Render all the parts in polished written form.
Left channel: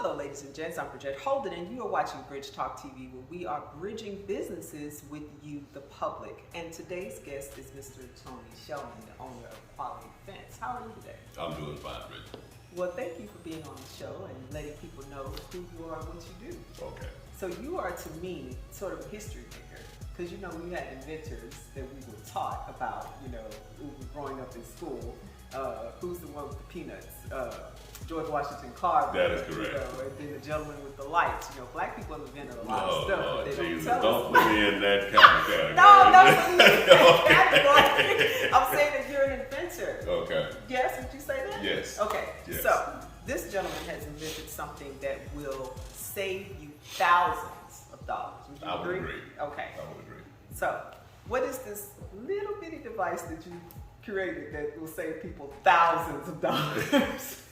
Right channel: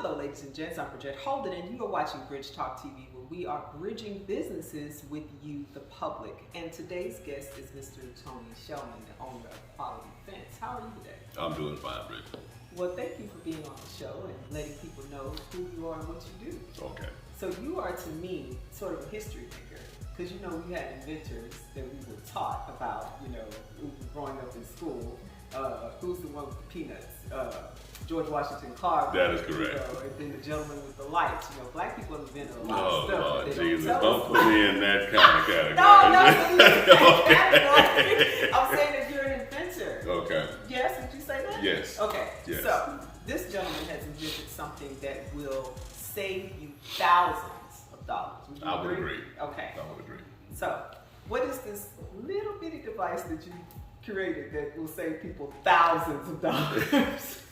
Hello, ladies and gents. I'm Bridget Holden, and you are watching Bridge Talk TV, where we are bridging businesses with you, the public. And today's guest is Mr. Tony Shelman, the owner of Quality Fence. How are you today? I'm doing fine, Bridget. Well, thank you for being on the show and letting people know who you are and what you do. Okay. So you are, to me, sort of a history maker. Because, you know, we had inventors that we were taught about, you know, we were growing up in school. Who's the one with the peanuts? George Washington Carver. That is correct. You know, and then the gentleman with the lights. You know, black people have invented a lot Oh, of stuff. Lord but they Jesus. don't Don't put me in that kind of category. No, that category. I'm saying that you're an inventor. Okay. Yes, would you say that? Yes. Okay. Yes. So, this gentleman has invented something that will save you thousands of dollars. Would you I would agree. Okay. I would agree. So, what is this little bitty device that you created that will save people thousands of dollars?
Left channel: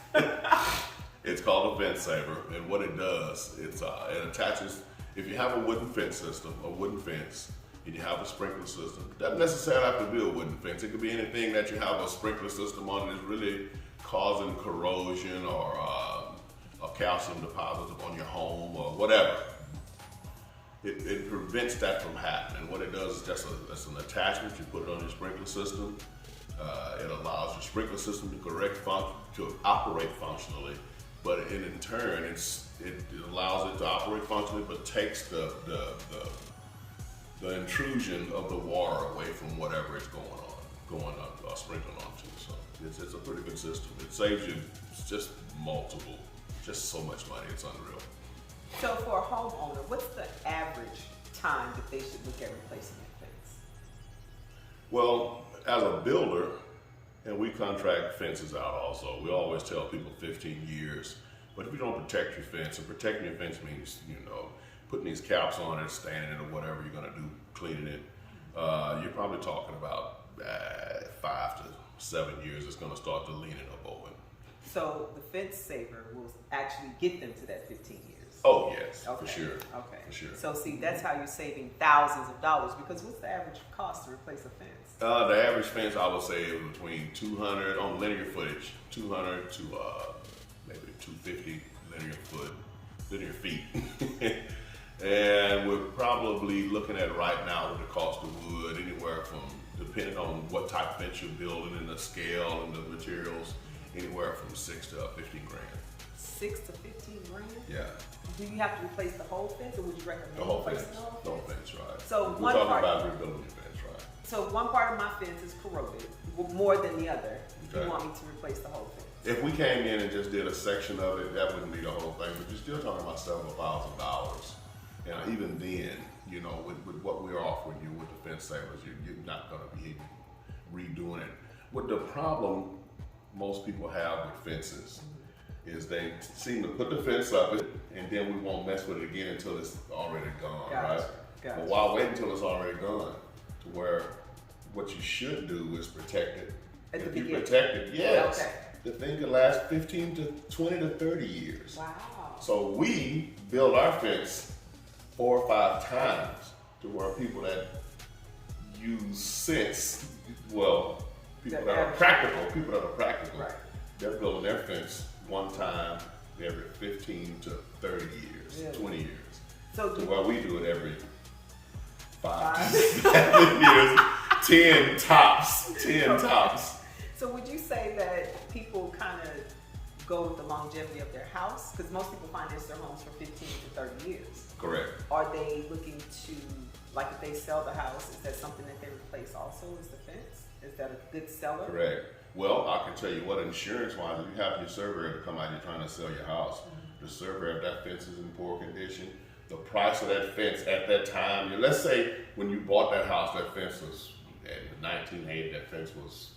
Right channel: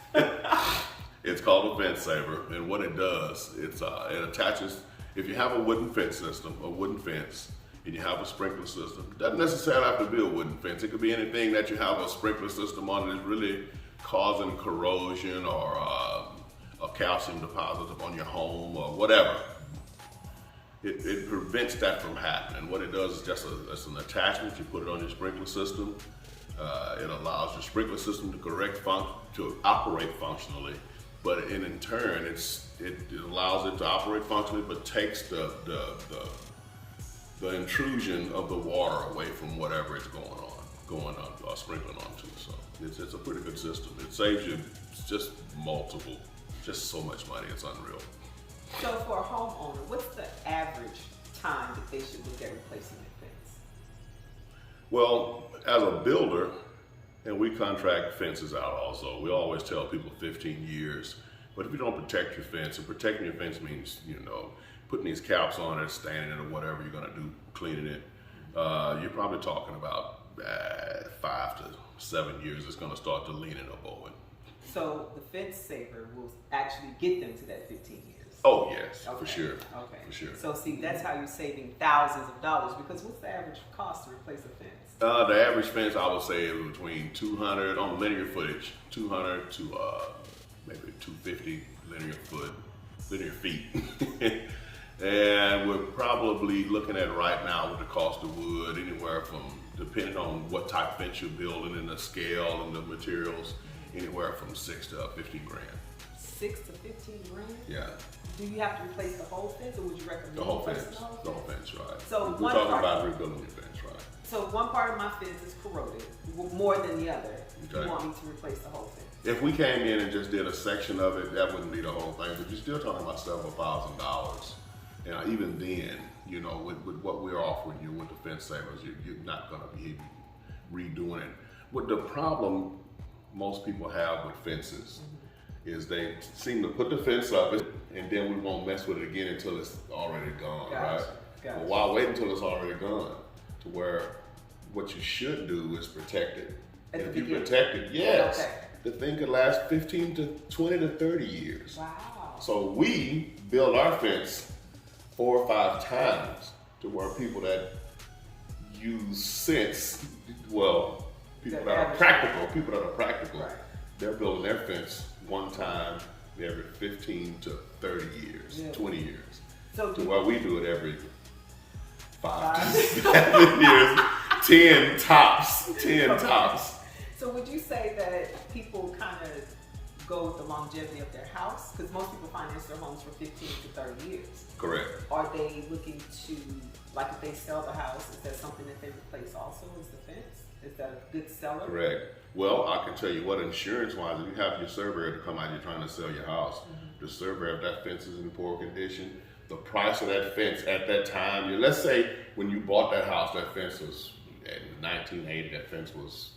It's called a fence saver, and what it does, it attaches. If you have a wooden fence system, a wooden fence, and you have a sprinkler system, it doesn't necessarily have to be a wooden fence. It could be anything that you have a sprinkler system on that's really causing corrosion or a calcium deposit upon your home or whatever. It prevents that from happening. What it does is it's an attachment. You put it on your sprinkler system. It allows your sprinkler system to operate functionally, but in turn, it allows it to operate functionally, but takes the intrusion of the water away from whatever it's sprinkling onto. So it's a pretty good system. It saves you just so much money. It's unreal. So for a homeowner, what's the average time that they should look at replacing their fence? Well, as a builder, and we contract fences out also, we always tell people 15 years. But if you don't protect your fence, and protecting your fence means, you know, putting these caps on it, standing it, or whatever you're going to do, cleaning it, you're probably talking about 5 to 7 years. It's going to start to lean and over. So the fence saver will actually get them to that 15 years. Oh yes, okay. For sure. Okay. For sure. So see, that's how you're saving thousands of dollars, because what's the average cost to replace a fence? The average fence, I would say, is between 200 on linear footage, 200 to maybe 250 linear feet. And we're probably looking at right now with the cost of wood anywhere from, depending on what type of fence you're building and the scale and the materials, anywhere from 6 to 15 grand. 6 to 15 grand? Yeah. Do you have to replace the whole fence, or would you recommend The whole fence. replacing The whole fence, right. So we're talking about rebuilding your fence, right. So one part of my fence is corroded more than the other. Okay. You want me to replace the whole fence? If we came in and just did a section of it, that wouldn't be the whole thing, but you're still talking about several $1,000s. And even then, you know, with what we're offering you with the fence savers, you're not going to be redoing it. What the problem most people have with fences is they seem to put the fence up and then we won't mess with it again until it's already gone, right? Gotcha. Well, why wait until it's already gone? To where what you should do is protect it. If you protect it, yes, okay. The thing could last 15 to 20 to 30 years. Wow. So we build our fence 4 or 5 times to where people that use sense, well, people that are practical, right. They're building their fence one time every 15 to 30 years, 20 years. So to where we do it every 5 to 7 years, 10 tops. So would you say that people kind of go with the longevity of their house? Because most people finance their homes for 15 to 30 years. Correct. Are they looking to, like if they sell the house, is that something that they replace also, is the fence? Is that a good seller? Correct. Well, I can tell you what, insurance-wise, if you have your surveyor to come out, you're trying to sell your house, the surveyor, if that fence is in poor condition, the price of that fence at that time, let's say when you bought that house, that fence was, in 1980, that fence was,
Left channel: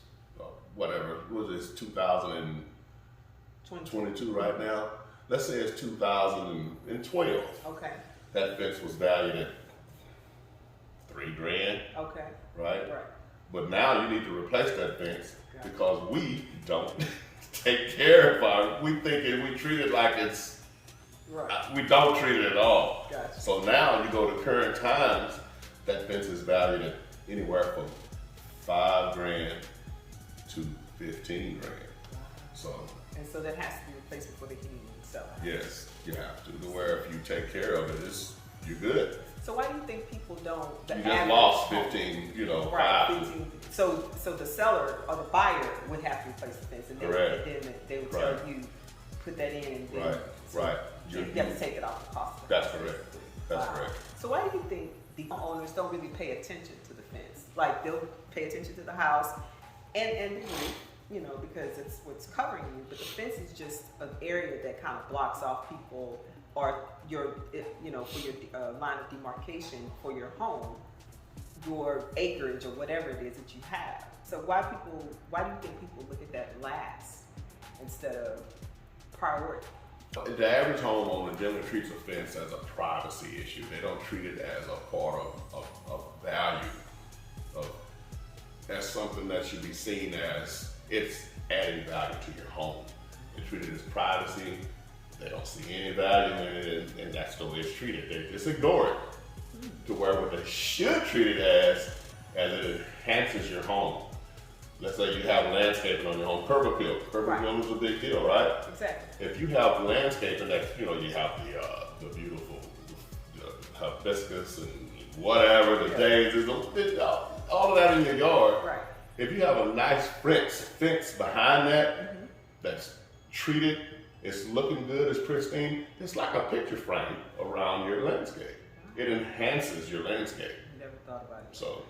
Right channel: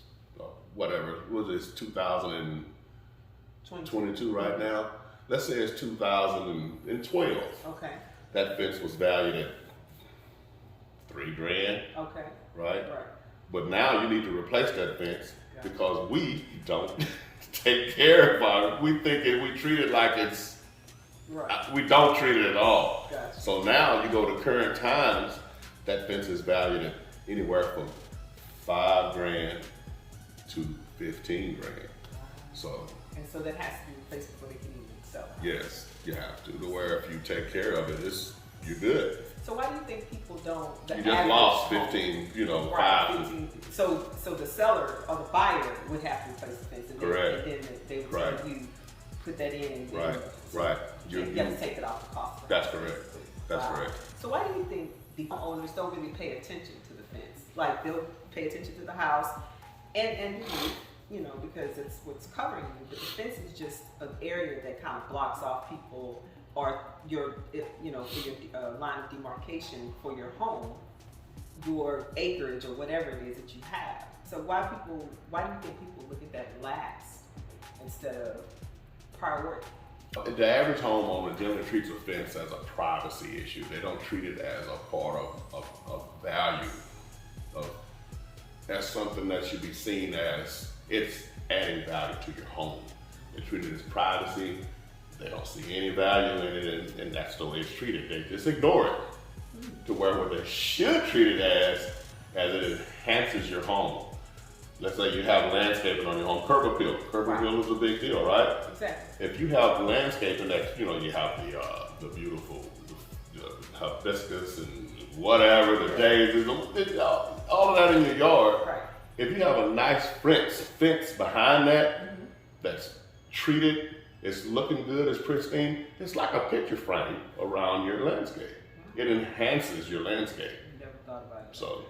whatever, what is this, 2022 right now? Let's say it's 2012. Okay. That fence was valued at $3 grand. Okay. Right? But now you need to replace that fence because we don't take care of it. We treat it like it's, we don't treat it at all. Gotcha. So now you go to current times, that fence is valued at anywhere from $5 grand to 15 grand. Wow. So. And so that has to be replaced before they can even sell. Yes. You have to where if you take care of it, you're good. So why do you think people don't? You just lost 15, right, 5. 15. So the seller or the buyer would have to replace the fence, and Correct. then they would tell you put that in. Right. You have to take it off the cost. That's correct. That's correct. So why do you think the owners don't really pay attention to the fence? Like they'll pay attention to the house and because it's what's covering you, but the fence is just an area that kind of blocks off people or for your line of demarcation for your home, your acreage or whatever it is that you have. So why do you think people look at that last instead of priority? The average homeowner generally treats a fence as a privacy issue. They don't treat it as a part of value, as something that should be seen as it's adding value to your home. They treat it as privacy. They don't see any value in it, and that's the way it's treated. They just ignore it to where what they should treat it as it enhances your home. Let's say you have landscaping on your home, curb appeal. Curb appeal is a big deal, right? Exactly. If you have landscaping that, you have the beautiful hibiscus and whatever, the daisies, all of that in your yard. Right. If you have a nice fence behind that, that's treated, it's looking good, it's pristine, it's like a picture frame around your landscape. It enhances your landscape. Never thought about it. So.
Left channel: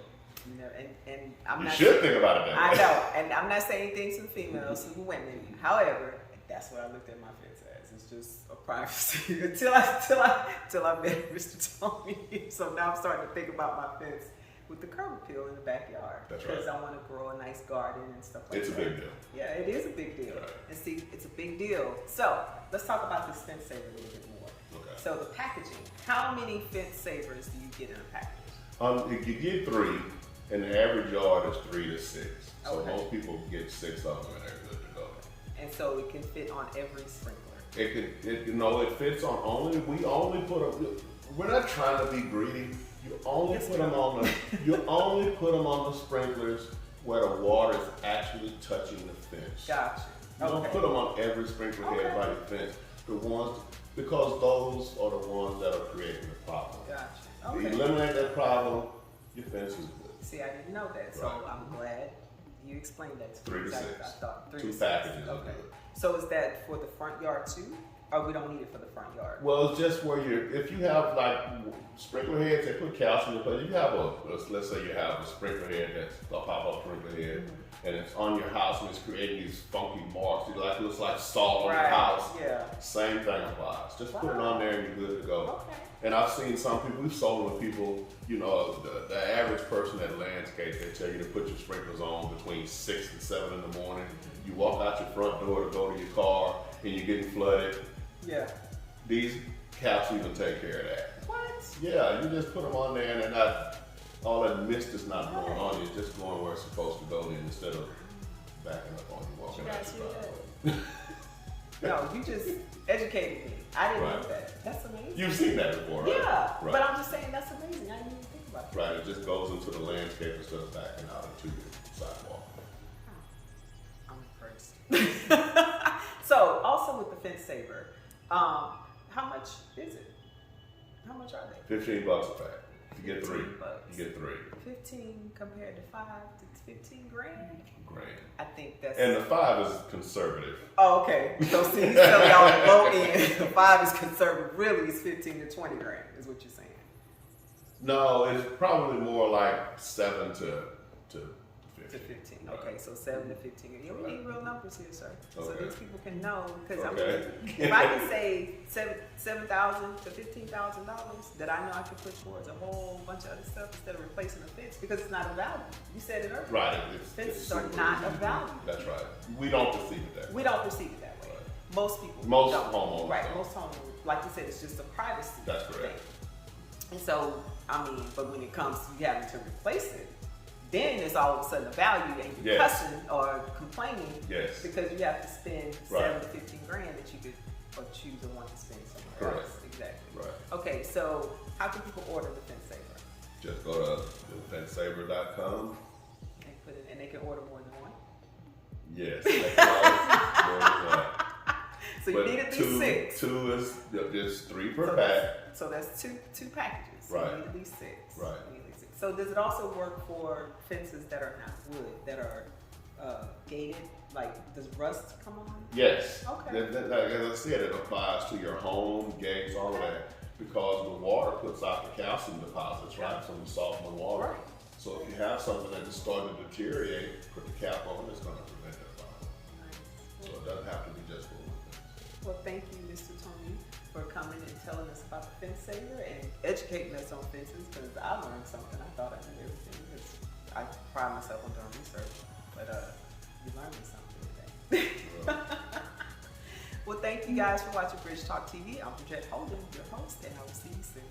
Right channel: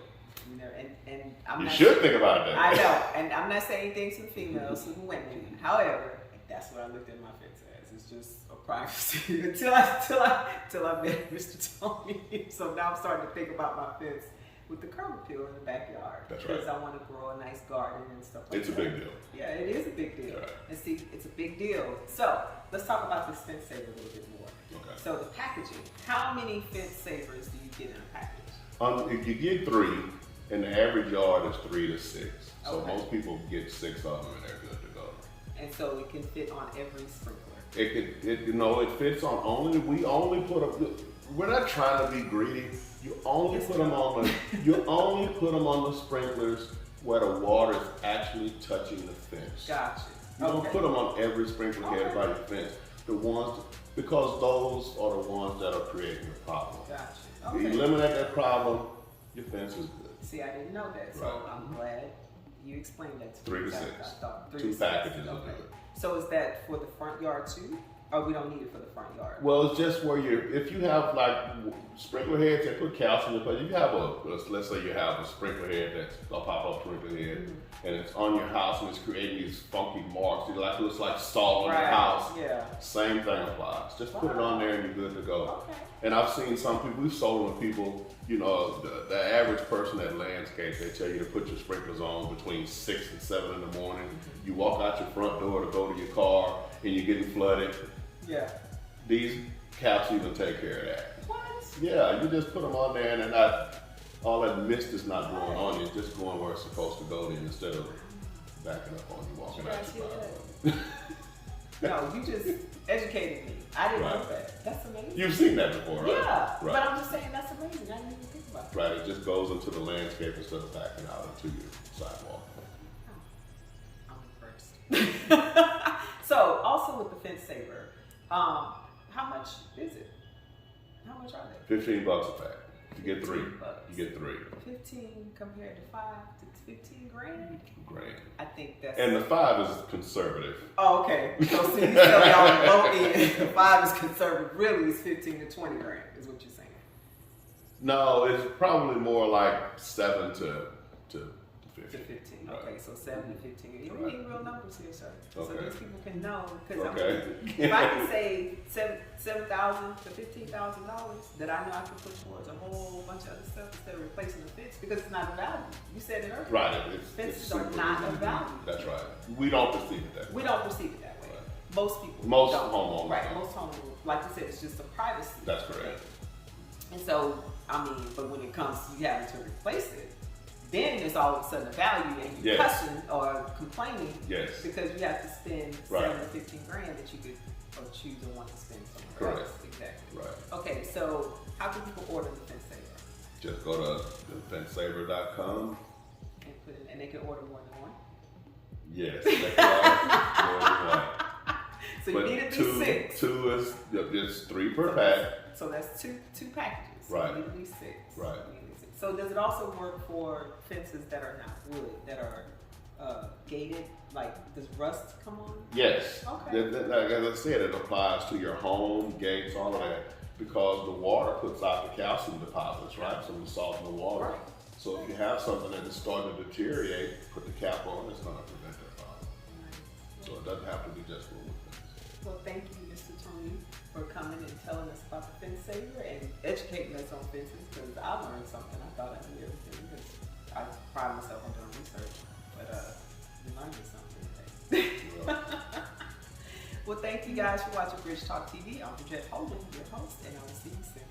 And I'm you not should think about it that I way. know, and I'm not saying anything to the females, to the women. However, that's what I looked at my fence as. It's just a privacy until I met Mr. Tony. So now I'm starting to think about my fence with the curb appeal in the backyard. That's right. Because I want to grow a nice garden and stuff like It's that. a big deal. Yeah, it is a big deal. Right. And see, it's a big deal. So let's talk about this fence saver a little bit more. Okay. So the packaging. How many fence savers do you get in a package? You get 3, and the average yard is 3 to 6. So Okay. most people get 6 of them, and they're good to go. And so it can fit on every sprinkler. It fits on we only put them. We're not trying to be greedy. You only put them on the sprinklers where the water is actually touching the fence. Gotcha. You don't put them on every sprinkler head by your fence. Because those are the ones that are creating the problem. Gotcha. You eliminate that problem, your fence is good. See, I didn't know that, so Right. I'm glad you explained that to 3 me. to 6. I thought 3 2 to 6. packages will do it. So is that for the front yard too? Or we don't need it for the front yard? Well, it's just where if you have like sprinkler heads, they put calcium in, but you have let's say you have a sprinkler head that's a pop-up sprinkler head, and it's on your house and it's creating these funky marks. It looks like salt on your house. Yeah. Same thing applies. Just put it on there and you're good to go. Okay. And I've seen some people, we've sold them to people, the average person that landscapes, they tell you to put your sprinklers on between 6 and 7 in the morning. You walk out your front door to go to your car and you're getting flooded. Yeah. These caps even take care of that. What? Yeah, you just put them on there and all that mist is not blowing on you. It's just going where it's supposed to go then instead of backing up on you, walking out your driveway. No, you just educated me. I didn't know Right. that. That's amazing. You've seen that before, right? Yeah. Right. But I'm just saying that's amazing. I didn't even think about that. Right, it just goes into the landscape instead of backing out into your sidewalk. I'm impressed. So, also with the fence saver, how much is it? How much are they? $15 a pack. You get 3. $15. You get 3. 15 compared to 5 to 15 grand? Great. I think that's. And the 5 is conservative. Oh, okay. So, see, you tell me on the low end, the 5 is conservative. Really, it's 15 to 20 grand, is what you're saying. No, it's probably more like 7 to 15. To 15. Right. Okay, so 7 to 15. Yeah, we need real numbers here, sir. So Okay. these people can know. Because Okay. if I can say $7,000 to $15,000, that I know I can put towards a whole bunch of other stuff instead of replacing the fence because it's not a value. You said it earlier. Right, it's Fences are super not easy a to do. value. That's right. We don't perceive it that way. We don't perceive it that way. Right. Most people. Most don't. homeowners Right. don't. Most homeowners, like you said, it's just a privacy. That's correct. And so, but when it comes to you having to replace it, then it's all of a sudden a value and you're Yes. cussing or complaining Yes. because you have to spend Right. 7 to 15 grand that you could or choose to want to spend somewhere Correct. else. Exactly. Right. Okay, so how can people order the fence saver? Just go to thefencesaver.com. And they can order more than one? Yes, they can order more than one. So So you need at least 6. Two is just 3 per pack. So that's two packages. So Right. you need at least 6. Right. You need at least 6. So does it also work for fences that are not wood, that are gated? Like, does rust come on? Yes. Okay. Like as I said, it applies to your home, gates, all of that, because the water puts out the calcium deposits, right, from the salt in the water. Right. So if you have something that is starting to deteriorate, put the cap on, it's going to prevent that problem. Nice. So it doesn't have to be just for wood fence. Well, thank you, Mr. Tony, for coming and telling us about the fence saver and educating us on fences, because I learned something. I thought I knew everything, because I pride myself on doing research, but you learned me something today. Well, thank you guys for watching Bridge Talk TV. I'm Bridget Holden, your host, and I will see you soon.